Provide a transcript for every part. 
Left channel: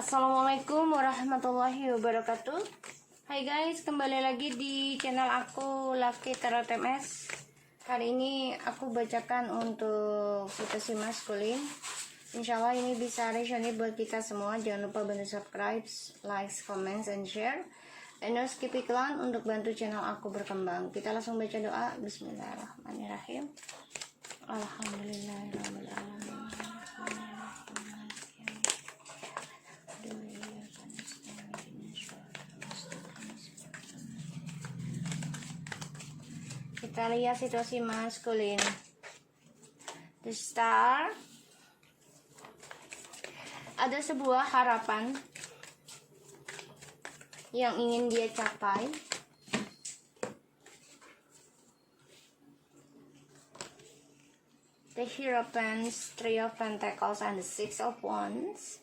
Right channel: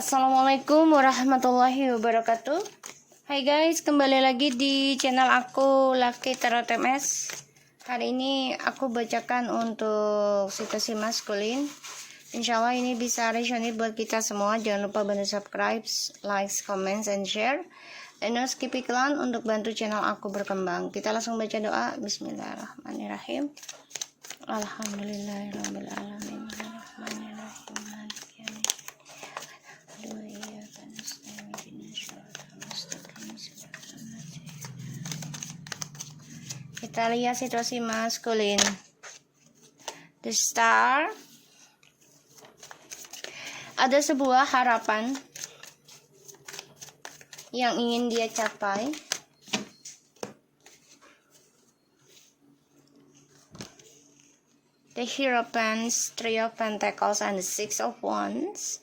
Assalamualaikum warahmatullahi wabarakatuh. Hai guys, kembali lagi di channel aku Lucky Tarot MS. Hari ini aku bacakan untuk situasi maskulin. Insya Allah ini bisa resonate buat kita semua. Jangan lupa bantu subscribe, like, comment, and share. Dan skip iklan untuk bantu channel aku berkembang. Kita langsung baca doa. Bismillahirrahmanirrahim. Alhamdulillahirabbil alamin. Kita lihat situasi maskulin. The Star. Ada sebuah harapan yang ingin dia capai. The Hierophant, Three of Pentacles, and the Six of Wands.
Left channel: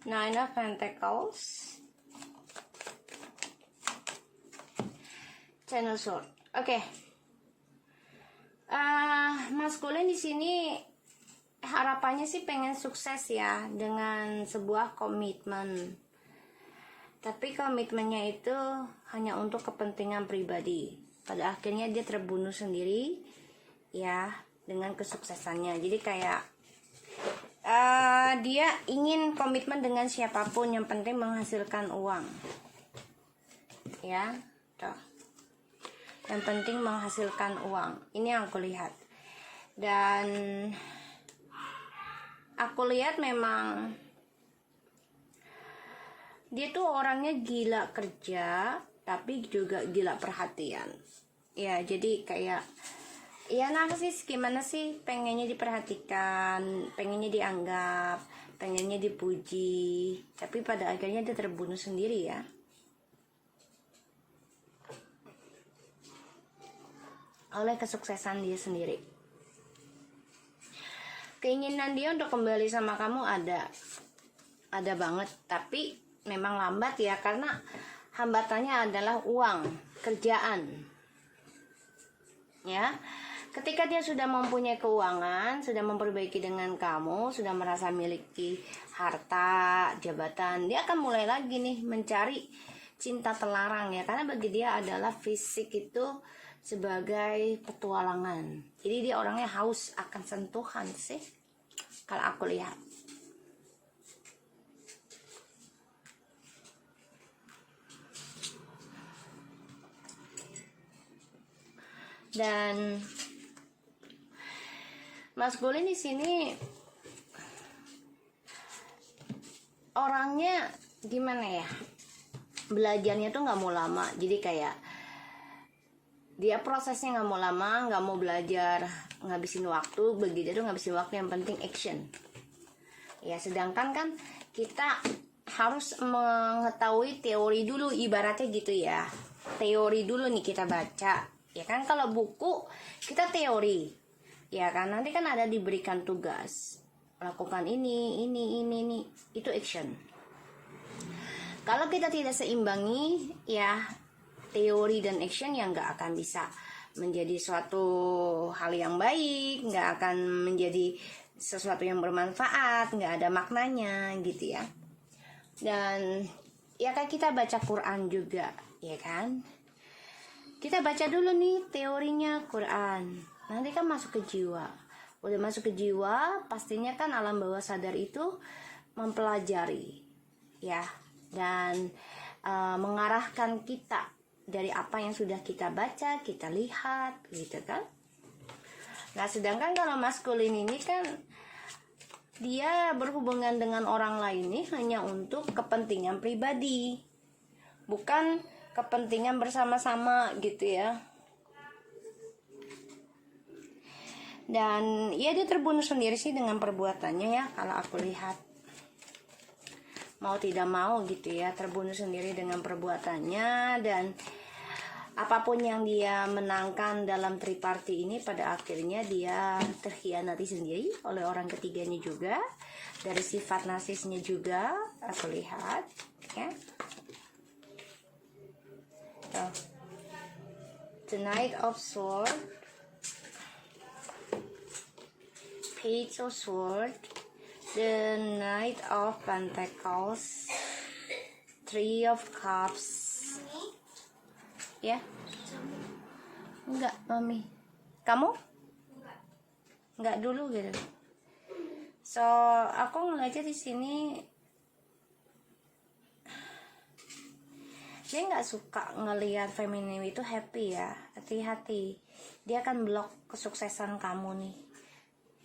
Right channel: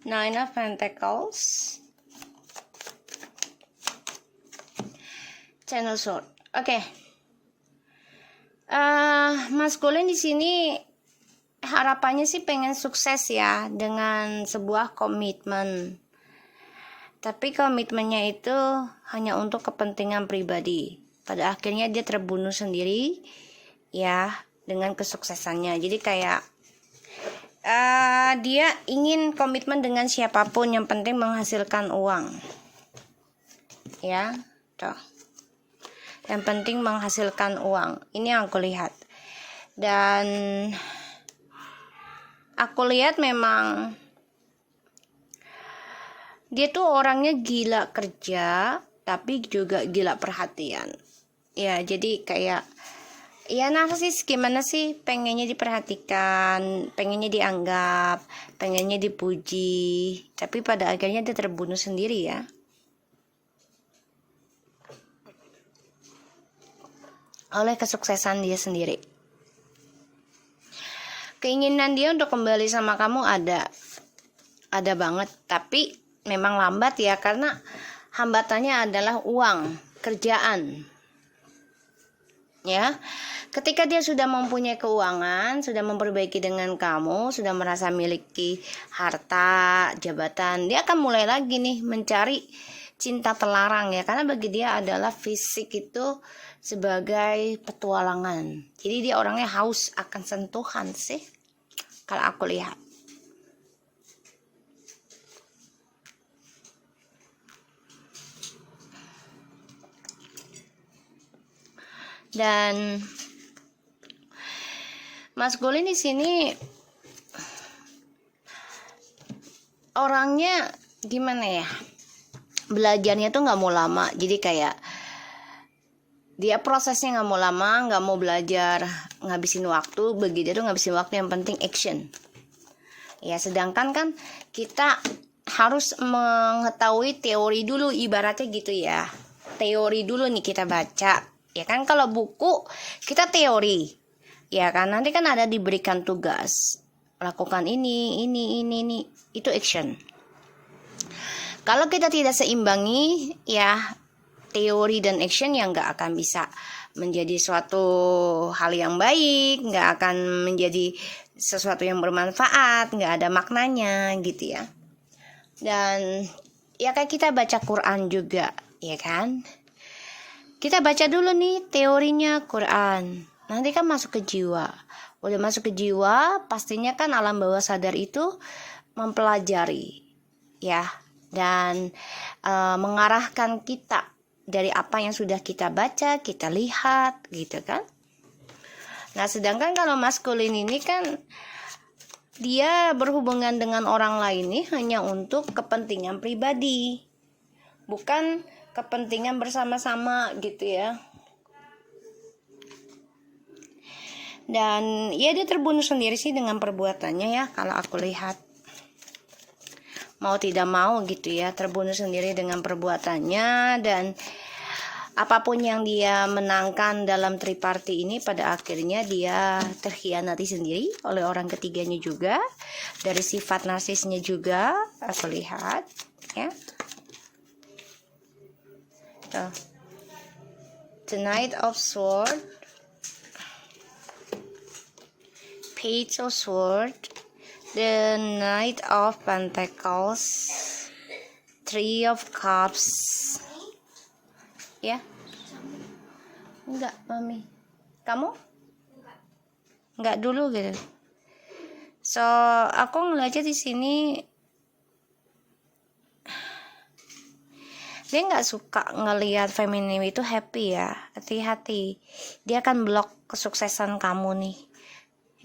Nine of Pentacles, Ten of Swords. Oke. Maskulin di sini harapannya sih pengen sukses ya dengan sebuah komitmen. Tapi komitmennya itu hanya untuk kepentingan pribadi. Pada akhirnya dia terbunuh sendiri ya dengan kesuksesannya. Jadi kayak dia ingin komitmen dengan siapapun, yang penting menghasilkan uang ya tuh, yang penting menghasilkan uang. Ini yang aku lihat, dan aku lihat memang dia tuh orangnya gila kerja tapi juga gila perhatian ya. Jadi kayak ya narsis, gimana sih, pengennya diperhatikan, pengennya dianggap, pengennya dipuji, tapi pada akhirnya dia terbunuh sendiri ya. Oleh kesuksesan dia sendiri. Keinginan dia untuk kembali sama kamu ada banget, tapi memang lambat ya, karena hambatannya adalah uang, kerjaan. Ya, ketika dia sudah mempunyai keuangan, sudah memperbaiki dengan kamu, sudah merasa miliki harta, jabatan, dia akan mulai lagi nih mencari cinta terlarang ya, karena bagi dia adalah fisik itu sebagai petualangan. Jadi dia orangnya haus akan sentuhan sih, kalau aku lihat. Dan maskulin di sini orangnya gimana ya, belajarnya tuh nggak mau lama. Jadi kayak dia prosesnya nggak mau lama, nggak mau belajar ngabisin waktu. Bagi dia tuh ngabisin waktu, yang penting action ya. Sedangkan kan kita harus mengetahui teori dulu, ibaratnya gitu ya. Teori dulu nih kita baca ya kan. Kalau buku kita teori ya kan, nanti kan ada diberikan tugas, lakukan ini, itu action. Kalau kita tidak seimbangi ya teori dan action, yang nggak akan bisa menjadi suatu hal yang baik, nggak akan menjadi sesuatu yang bermanfaat, nggak ada maknanya gitu ya. Dan ya kayak kita baca Quran juga ya kan, kita baca dulu nih teorinya Quran, nanti kan masuk ke jiwa. Udah masuk ke jiwa, pastinya kan alam bawah sadar itu mempelajari ya, dan mengarahkan kita dari apa yang sudah kita baca, kita lihat gitu kan. Nah sedangkan kalau maskulin ini kan dia berhubungan dengan orang lain nih hanya untuk kepentingan pribadi, bukan kepentingan bersama-sama gitu ya. Dan ya dia terbunuh sendiri sih dengan perbuatannya ya, kalau aku lihat. Mau tidak mau gitu ya, terbunuh sendiri dengan perbuatannya. Dan apapun yang dia menangkan dalam triparti ini, pada akhirnya dia terkhianati sendiri oleh orang ketiganya juga. Dari sifat narsisnya juga aku lihat ya. Tuh. The Knight of Sword, Page of Sword, the Knight of Pentacles, Three of Cups. Ya? Enggak, Mami. Kamu? Enggak dulu gitu. So, aku ngeliatnya di sini dia nggak suka ngelihat feminim itu happy ya. Hati-hati, dia akan blok kesuksesan kamu nih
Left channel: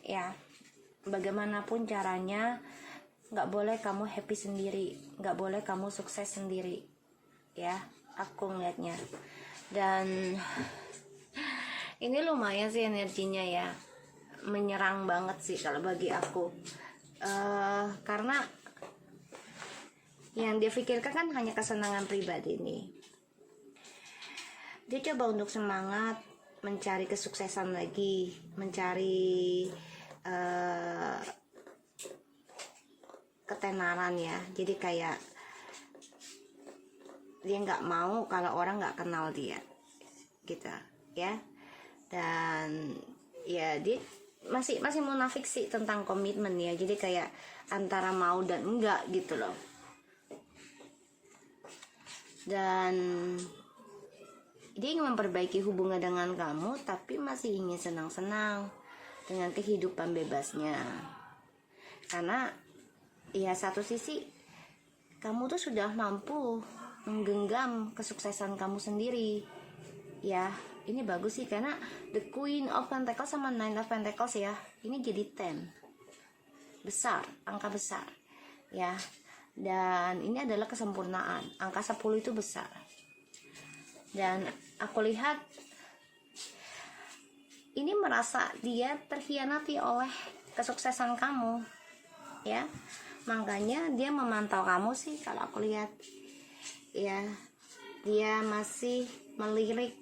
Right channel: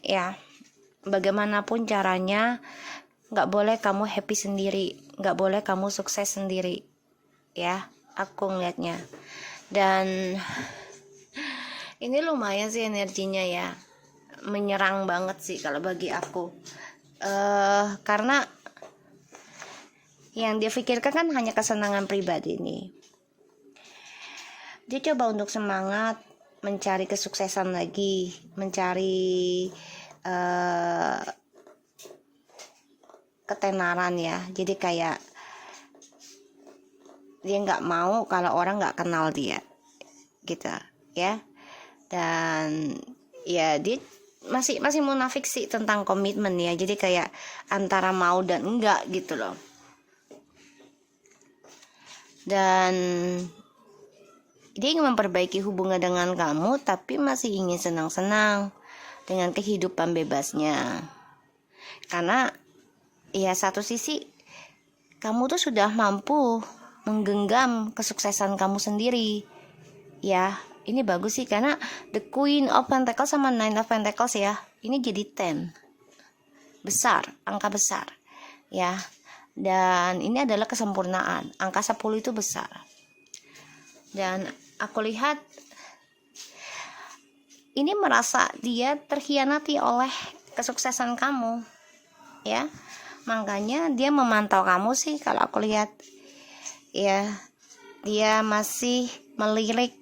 ya. Bagaimanapun caranya, nggak boleh kamu happy sendiri, nggak boleh kamu sukses sendiri ya, aku ngeliatnya. Dan ini lumayan sih energinya ya, menyerang banget sih kalau bagi aku. Karena yang dia pikirkan kan hanya kesenangan pribadi nih. Dia coba untuk semangat mencari kesuksesan lagi, mencari ketenaran ya. Jadi kayak dia nggak mau kalau orang nggak kenal dia gitu ya. Dan ya dia masih munafik sih tentang komitmen ya. Jadi kayak antara mau dan enggak gitu loh. Dan dia ingin memperbaiki hubungan dengan kamu, tapi masih ingin senang-senang dengan kehidupan bebasnya. Karena ya satu sisi kamu tuh sudah mampu menggenggam kesuksesan kamu sendiri ya. Ini bagus sih, karena the Queen of Pentacles sama Nine of Pentacles ya, ini jadi 10 besar, angka besar ya. Dan ini adalah kesempurnaan. Angka 10 itu besar. Dan aku lihat ini merasa dia terkhianati oleh kesuksesan kamu ya. Makanya dia memantau kamu sih kalau aku lihat ya. Dia masih melirik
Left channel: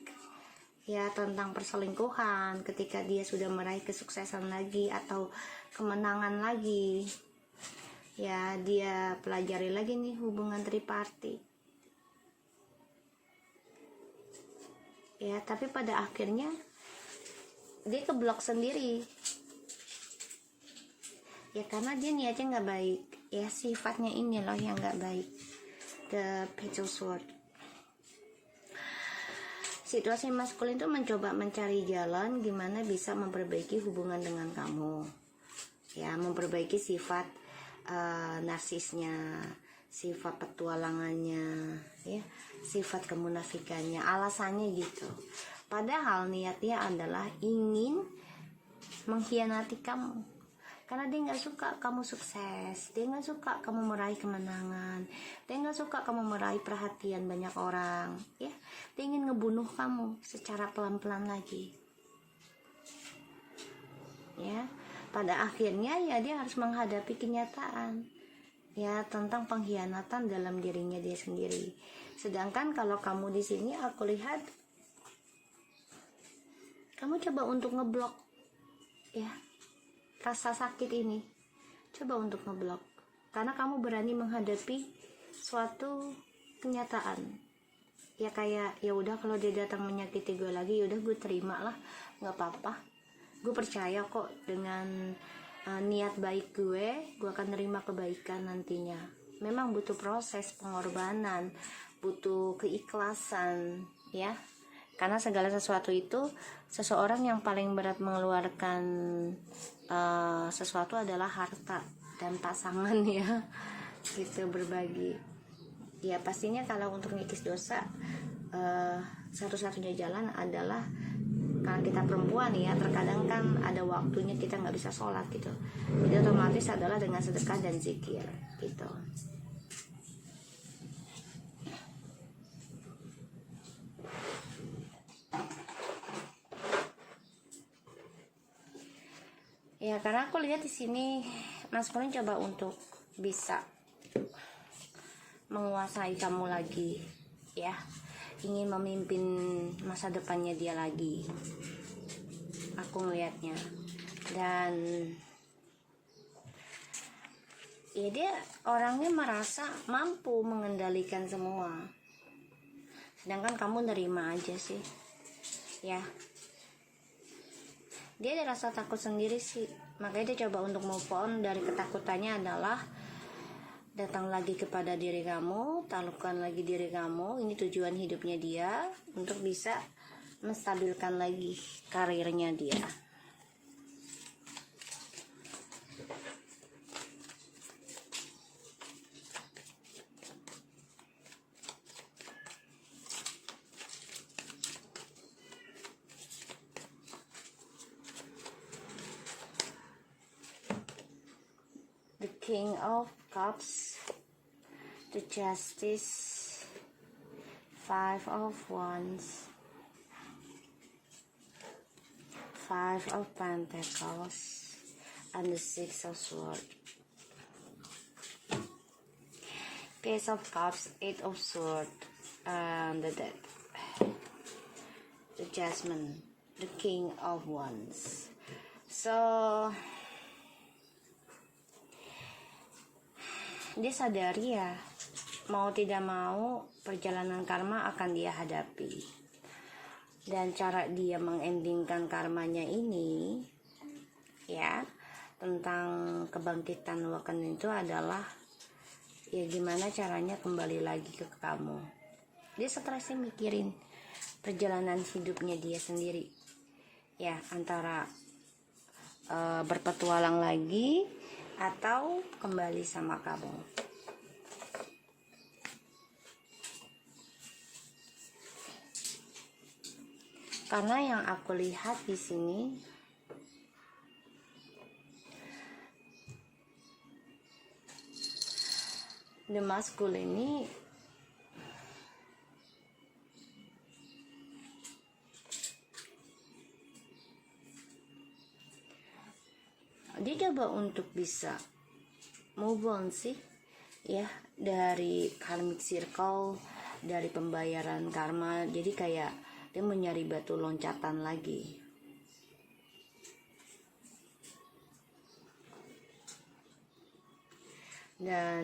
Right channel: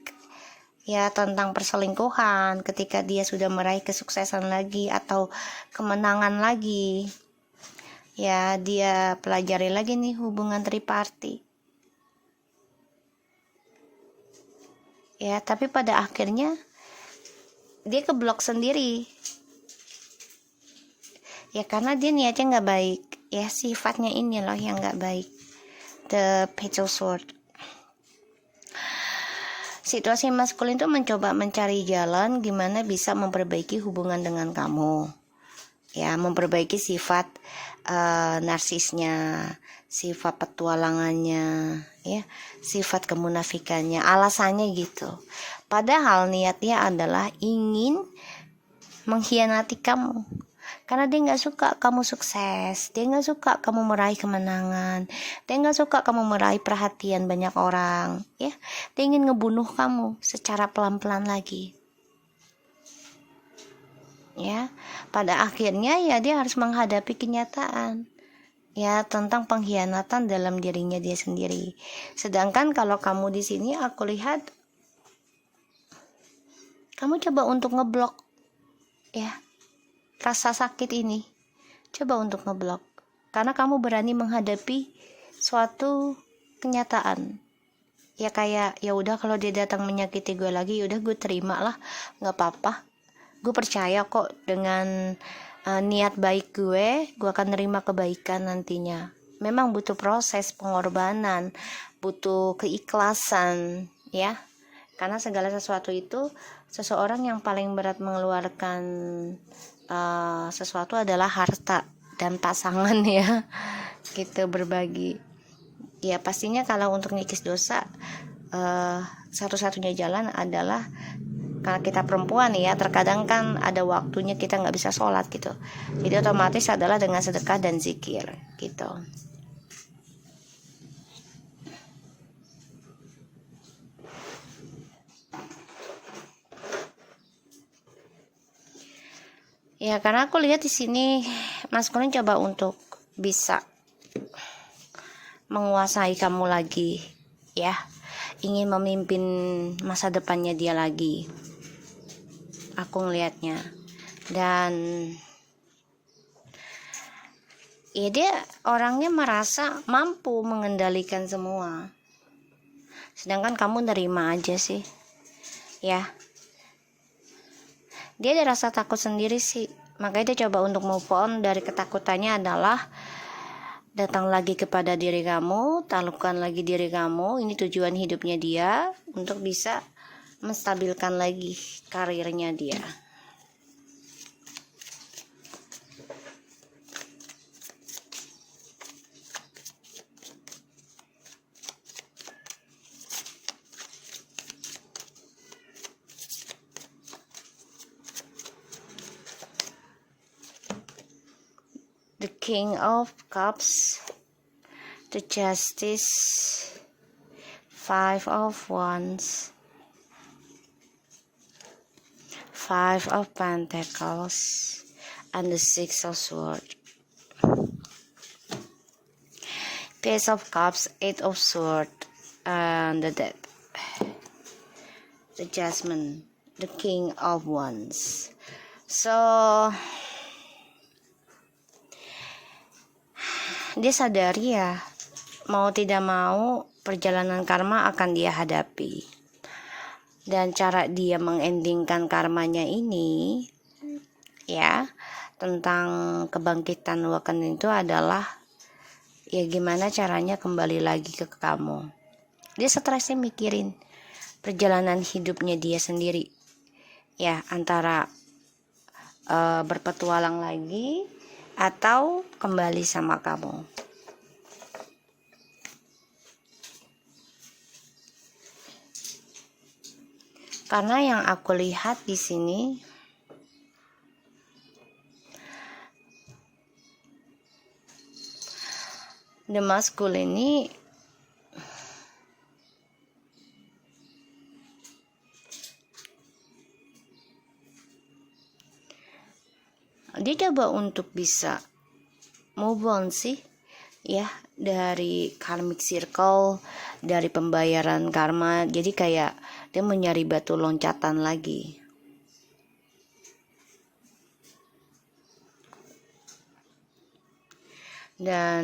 ya tentang perselingkuhan ketika dia sudah meraih kesuksesan lagi atau kemenangan lagi. Ya, dia pelajari lagi nih hubungan triparty. Ya, tapi pada akhirnya dia keblok sendiri. Ya, karena dia niatnya nggak baik. Ya, sifatnya ini loh yang nggak baik. The Page of Sword. Situasi maskulin itu mencoba mencari jalan gimana bisa memperbaiki hubungan dengan kamu. Ya, memperbaiki sifat narsisnya, sifat petualangannya ya, sifat kemunafikannya, alasannya gitu. Padahal niatnya adalah ingin mengkhianati kamu, karena dia nggak suka kamu sukses, dia nggak suka kamu meraih kemenangan, dia nggak suka kamu meraih perhatian banyak orang ya. Dia ingin ngebunuh kamu secara pelan-pelan lagi ya. Pada akhirnya ya dia harus menghadapi kenyataan ya tentang pengkhianatan dalam dirinya dia sendiri. Sedangkan kalau kamu di sini aku lihat kamu coba untuk ngeblok ya rasa sakit ini, coba untuk ngeblok karena kamu berani menghadapi suatu kenyataan ya. Kayak ya udah, kalau dia datang menyakiti gue lagi, ya udah gue terima lah, nggak apa-apa. Gue percaya kok dengan niat baik gue akan nerima kebaikan nantinya. Memang butuh proses pengorbanan, butuh keikhlasan ya. Karena segala sesuatu itu, seseorang yang paling berat mengeluarkan sesuatu adalah harta dan pasangan ya. Gitu, berbagi. Ya pastinya kalau untuk ngikis dosa, satu-satunya jalan adalah, karena kita perempuan ya, terkadang kan ada waktunya kita nggak bisa sholat gitu, jadi otomatis adalah dengan sedekah dan zikir gitu. Ya karena aku lihat di sini Mas Kuning coba untuk bisa menguasai kamu lagi ya, ingin memimpin masa depannya dia lagi, aku ngelihatnya. Dan ya dia orangnya merasa mampu mengendalikan semua, sedangkan kamu nerima aja sih. ya. Dia ada rasa takut sendiri sih, makanya dia coba untuk move on dari ketakutannya adalah datang lagi kepada diri kamu, taklukkan lagi diri kamu. Ini tujuan hidupnya dia, untuk bisa menstabilkan lagi karirnya dia. The King of Cups, the Justice, Five of Wands, Five of Pentacles, and the Six of Swords. Page of Cups, Eight of Swords, and the Death. The Judgment, the King of Wands. So dia sadari ya, mau tidak mau perjalanan karma akan dia hadapi. Dan cara dia mengendingkan karmanya ini, ya, tentang kebangkitan Waken itu adalah ya gimana caranya kembali lagi ke kamu. Dia stresnya mikirin perjalanan hidupnya dia sendiri, ya, antara berpetualang lagi atau kembali sama kamu. Karena yang aku lihat di sini, the masculine ini dia coba untuk bisa move on sih, ya, dari karmic circle, dari pembayaran karma. Jadi kayak dia mencari batu loncatan lagi. Dan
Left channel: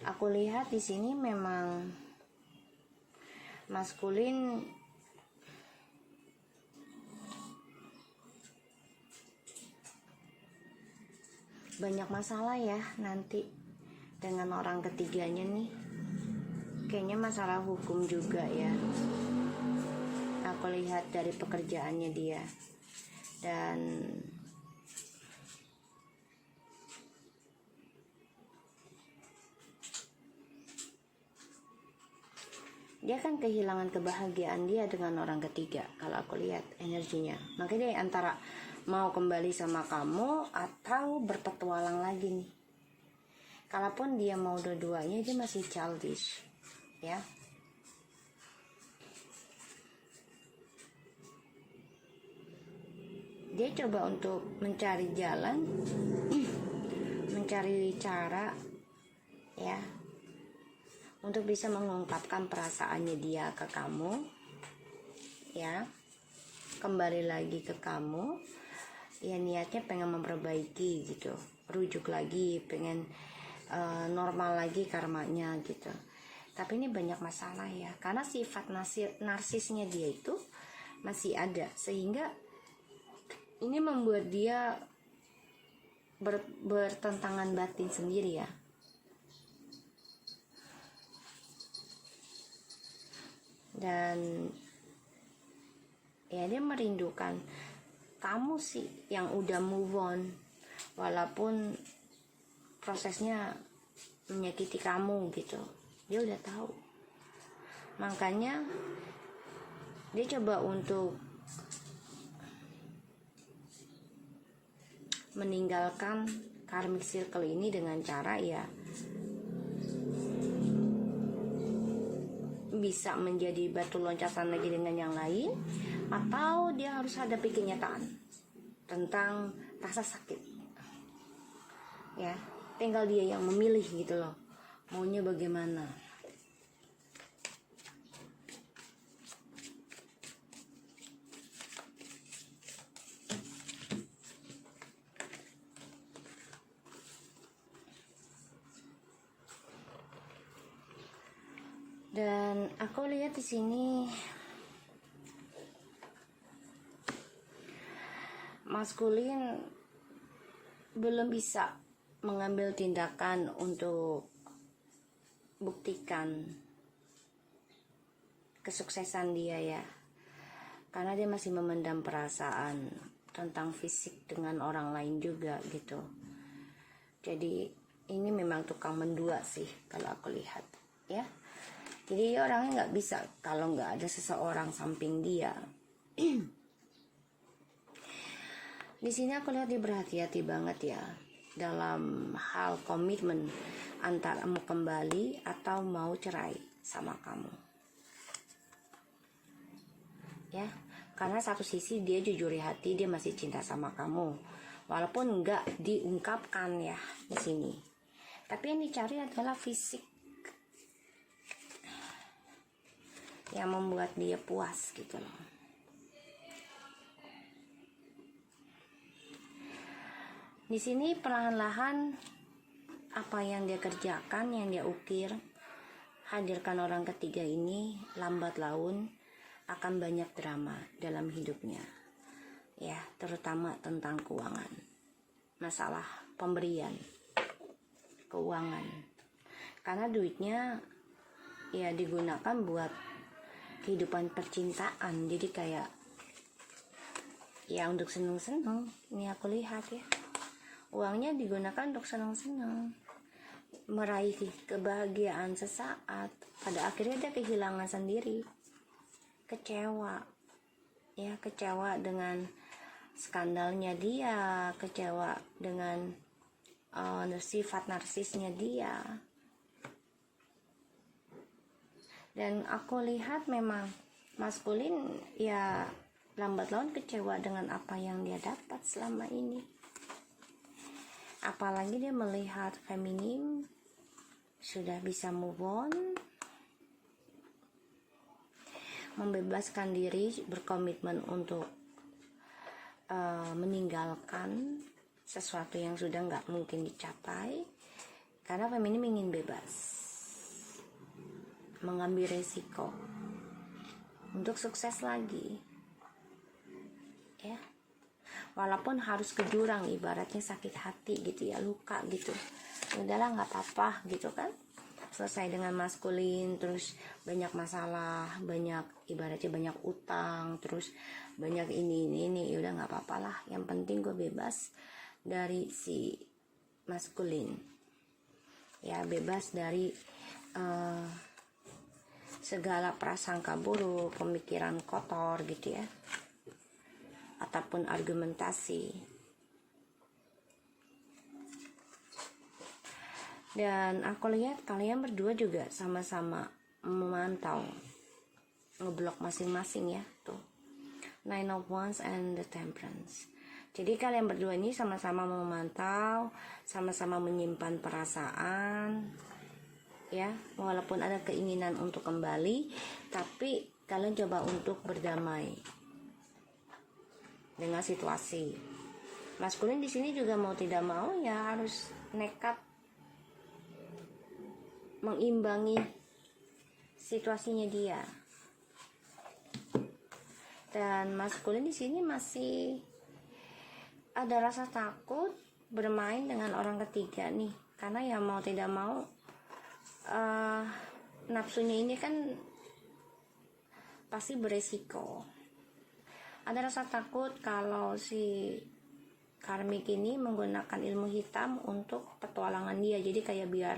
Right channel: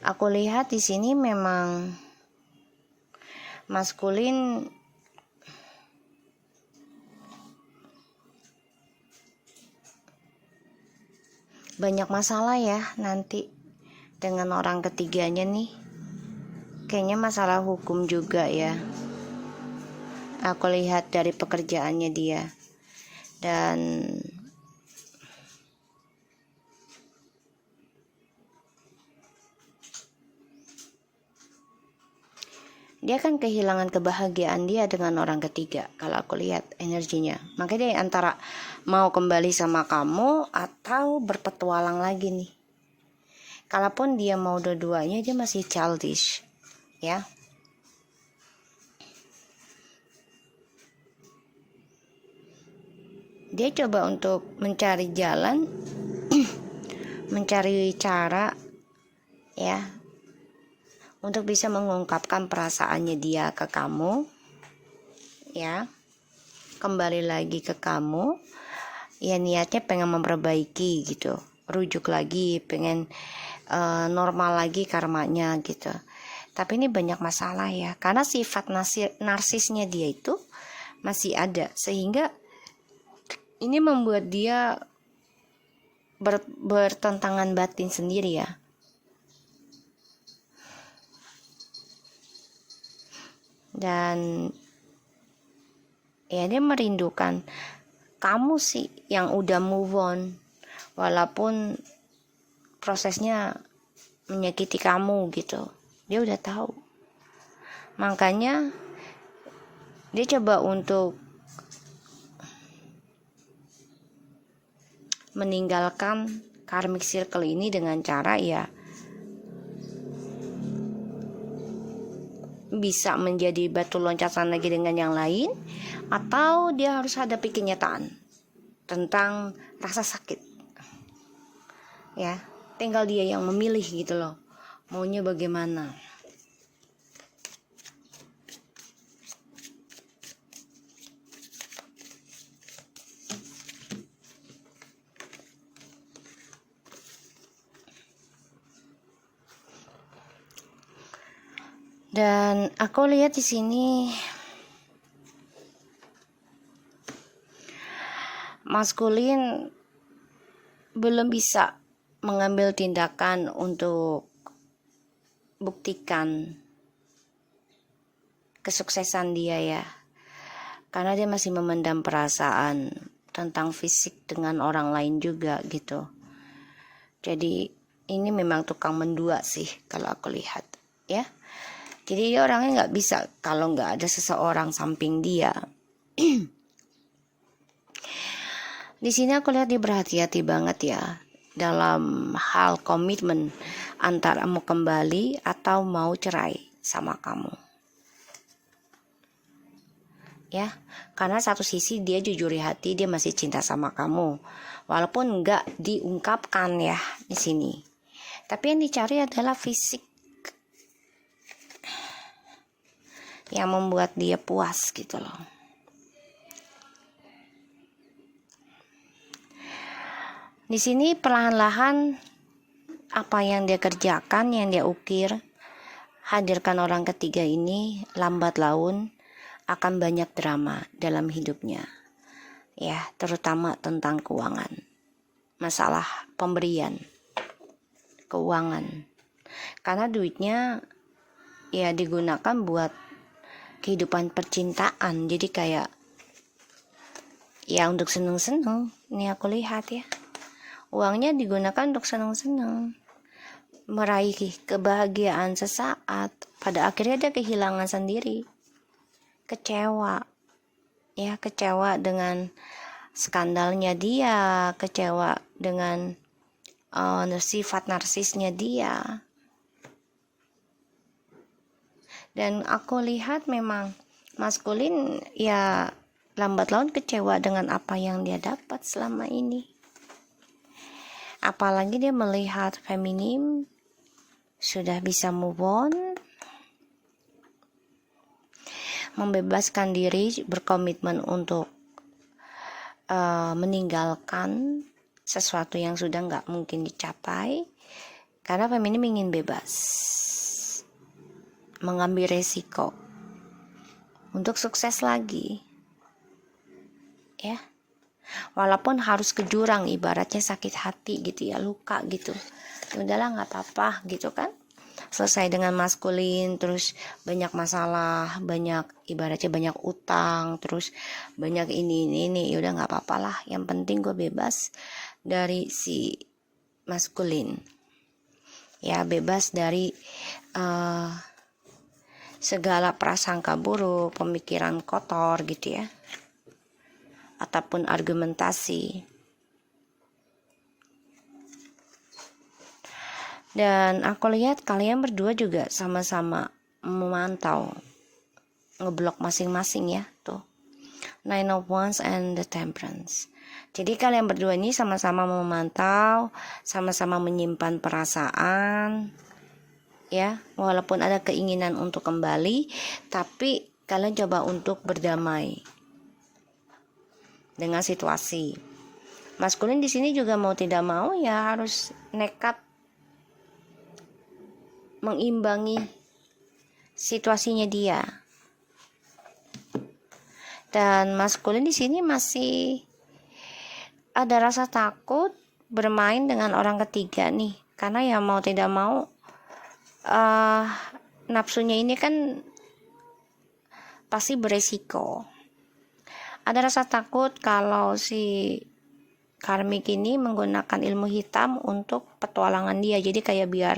aku lihat di sini memang maskulin banyak masalah ya nanti dengan orang ketiganya nih. Kayaknya masalah hukum juga ya. Aku lihat dari pekerjaannya dia. Dan dia akan kehilangan kebahagiaan dia dengan orang ketiga kalau aku lihat energinya. Makanya dia antara mau kembali sama kamu atau berpetualang lagi nih. Kalaupun dia mau dua-duanya, dia masih childish, ya. Dia coba untuk mencari jalan, mencari cara, ya, untuk bisa mengungkapkan perasaannya dia ke kamu, ya, kembali lagi ke kamu, ya, niatnya pengen memperbaiki gitu, rujuk lagi, pengen normal lagi karmanya gitu. Tapi ini banyak masalah ya, karena sifat narsisnya dia itu masih ada, sehingga ini membuat dia bertentangan batin sendiri ya. Dan ya dia merindukan kamu sih yang udah move on, walaupun prosesnya menyakiti kamu gitu. Dia udah tahu. Makanya dia coba untuk meninggalkan karmic circle ini dengan cara ya bisa menjadi batu loncatan lagi dengan yang lain, atau dia harus hadapi kenyataan tentang rasa sakit, ya. Tinggal dia yang memilih gitu loh, maunya bagaimana. Dan aku lihat di sini maskulin belum bisa mengambil tindakan untuk buktikan kesuksesan dia ya, karena dia masih memendam perasaan tentang fisik dengan orang lain juga gitu. Jadi ini memang tukang mendua sih kalau aku lihat ya. Jadi dia orangnya nggak bisa kalau nggak ada seseorang samping dia. Di sini aku lihat dia berhati-hati banget ya dalam hal komitmen antara mau kembali atau mau cerai sama kamu. Ya, karena satu sisi dia jujur di hati, dia masih cinta sama kamu, walaupun nggak diungkapkan ya di sini. Tapi yang dicari adalah fisik yang membuat dia puas gitu loh. Di sini perlahan-lahan apa yang dia kerjakan, yang dia ukir, hadirkan orang ketiga ini lambat laun akan banyak drama dalam hidupnya. Ya, terutama tentang keuangan. Masalah pemberian keuangan. Karena duitnya ya digunakan buat kehidupan percintaan. Jadi kayak ya untuk seneng-seneng. Ini aku lihat ya. Uangnya digunakan untuk seneng-seneng, meraih kebahagiaan sesaat. Pada akhirnya dia kehilangan sendiri. Kecewa. Ya, kecewa dengan skandalnya dia, kecewa dengan sifat narsisnya dia. Dan aku lihat memang maskulin ya lambat laun kecewa dengan apa yang dia dapat selama ini. Apalagi dia melihat feminim sudah bisa move on, membebaskan diri, berkomitmen untuk meninggalkan sesuatu yang sudah nggak mungkin dicapai, karena feminim ingin bebas, mengambil resiko untuk sukses lagi, ya. Walaupun harus ke jurang, ibaratnya sakit hati gitu ya, luka gitu, udahlah nggak apa-apa gitu kan, selesai dengan maskulin, terus banyak masalah, banyak ibaratnya banyak utang, terus banyak ini udah nggak apa-apa lah, yang penting gue bebas dari si maskulin ya, bebas dari segala prasangka buruk, pemikiran kotor gitu ya, ataupun argumentasi. Dan aku lihat kalian berdua juga sama-sama memantau, ngeblok masing-masing ya, tuh Nine of Wands and the Temperance. Jadi kalian berdua ini sama-sama memantau, sama-sama menyimpan perasaan ya, walaupun ada keinginan untuk kembali, tapi kalian coba untuk berdamai dengan situasi. Maskulin di sini juga mau tidak mau ya harus nekat mengimbangi situasinya dia. Dan maskulin di sini masih ada rasa takut bermain dengan orang ketiga nih, karena ya mau tidak mau nafsunya ini kan pasti beresiko. Ada rasa takut kalau si karmik ini menggunakan ilmu hitam untuk petualangan dia, jadi kayak biar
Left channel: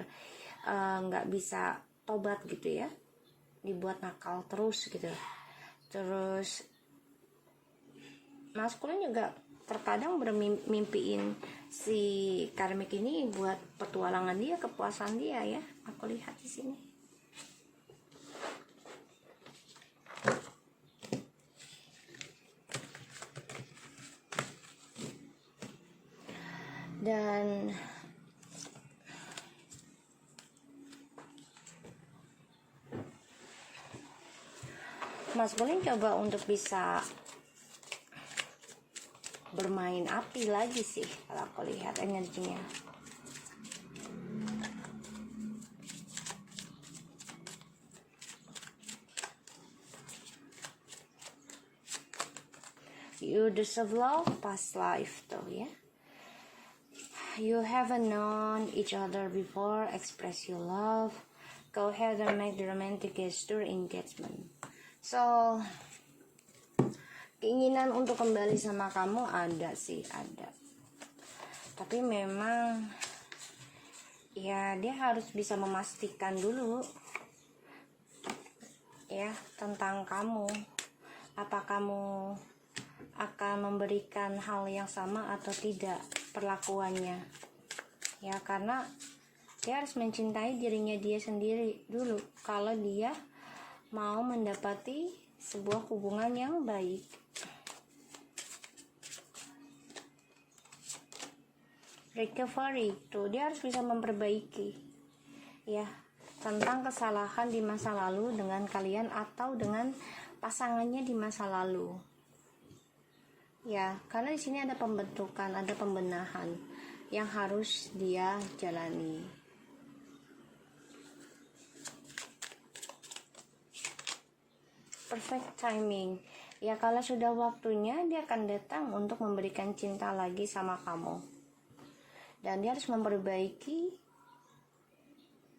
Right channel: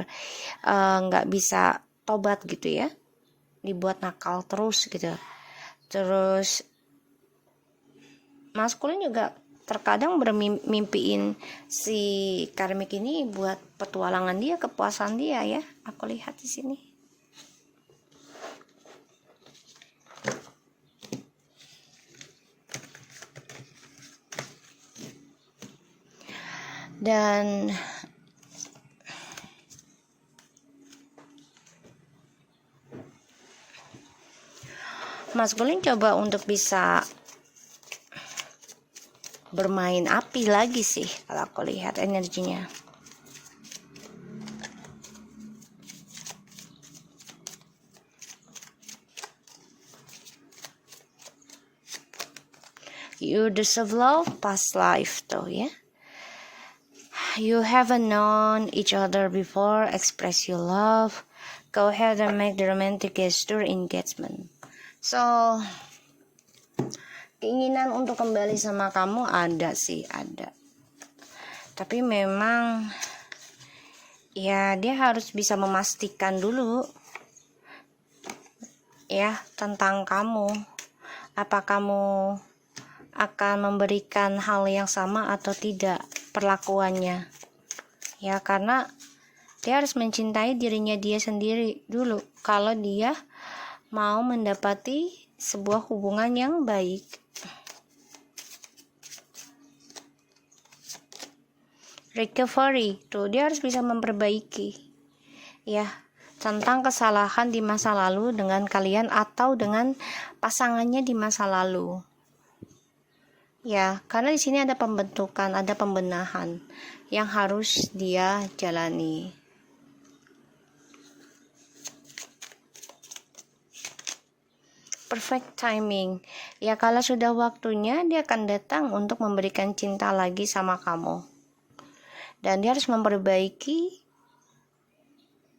nggak bisa tobat gitu ya, dibuat nakal terus gitu. Terus maskulin juga terkadang bermimpiin si karmik ini buat petualangan dia, kepuasan dia ya, aku lihat di sini. Dan maskulin coba untuk bisa bermain api lagi sih kalau aku lihat energinya. You deserve love past life tuh ya. You haven't known each other before, express your love. Go ahead and make the romantic gesture engagement. So, keinginan untuk kembali sama kamu ada sih, ada. Tapi memang ya dia harus bisa memastikan dulu ya tentang kamu. Apa kamu akan memberikan hal yang sama atau tidak perlakuannya. Ya, karena dia harus mencintai dirinya dia sendiri dulu kalau dia mau mendapati sebuah hubungan yang baik. Recovery tuh dia harus bisa memperbaiki ya tentang kesalahan di masa lalu dengan kalian atau dengan pasangannya di masa lalu. Ya, karena di sini ada pembentukan, ada pembenahan yang harus dia jalani. Perfect timing. Ya, kalau sudah waktunya dia akan datang untuk memberikan cinta lagi sama kamu. Dan dia harus memperbaiki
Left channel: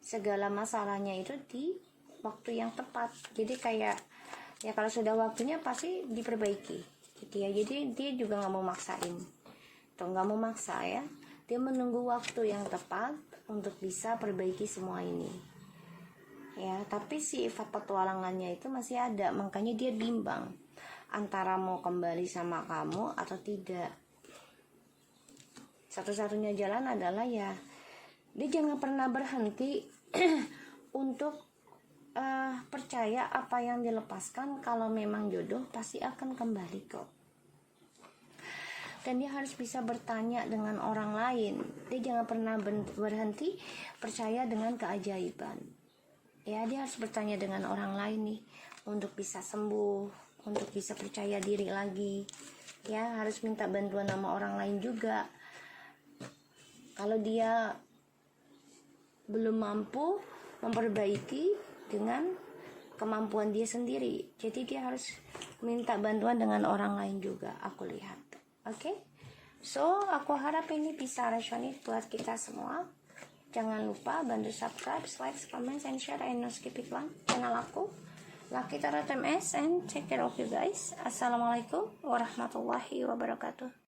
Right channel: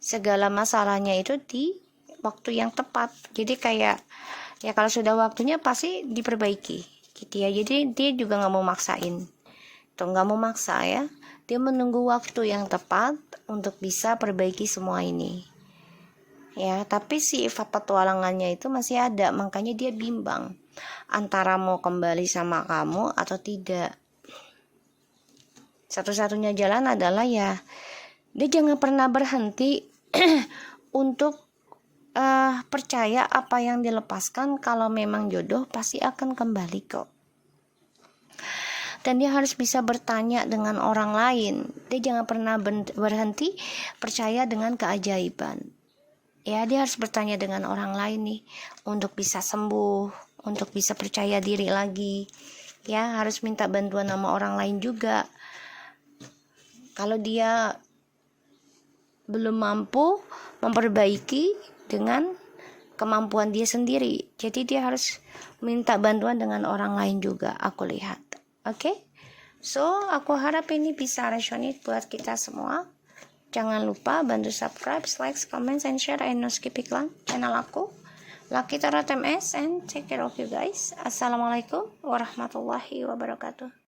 segala masalahnya itu di waktu yang tepat. Jadi kayak ya kalau sudah waktunya pasti diperbaiki gitu ya. Jadi dia juga nggak mau maksain tuh, nggak mau maksa ya, dia menunggu waktu yang tepat untuk bisa perbaiki semua ini ya. Tapi sifat petualangannya itu masih ada, makanya dia bimbang antara mau kembali sama kamu atau tidak. Satu-satunya jalan adalah ya dia jangan pernah berhenti untuk percaya apa yang dilepaskan. Kalau memang jodoh pasti akan kembali kok. Dan dia harus bisa bertanya dengan orang lain. Dia jangan pernah berhenti percaya dengan keajaiban. Ya, dia harus bertanya dengan orang lain nih untuk bisa sembuh, untuk bisa percaya diri lagi. Ya, harus minta bantuan sama orang lain juga. Kalau dia belum mampu memperbaiki dengan kemampuan dia sendiri, jadi dia harus minta bantuan dengan orang lain juga, aku lihat. Oke? So, aku harap ini bisa resonate buat kita semua. Jangan lupa bantu subscribe, like, comment, and share, and no skip iklan channel aku, Lucky Tarot MS, and take care of you guys. Assalamualaikum warahmatullahi wabarakatuh.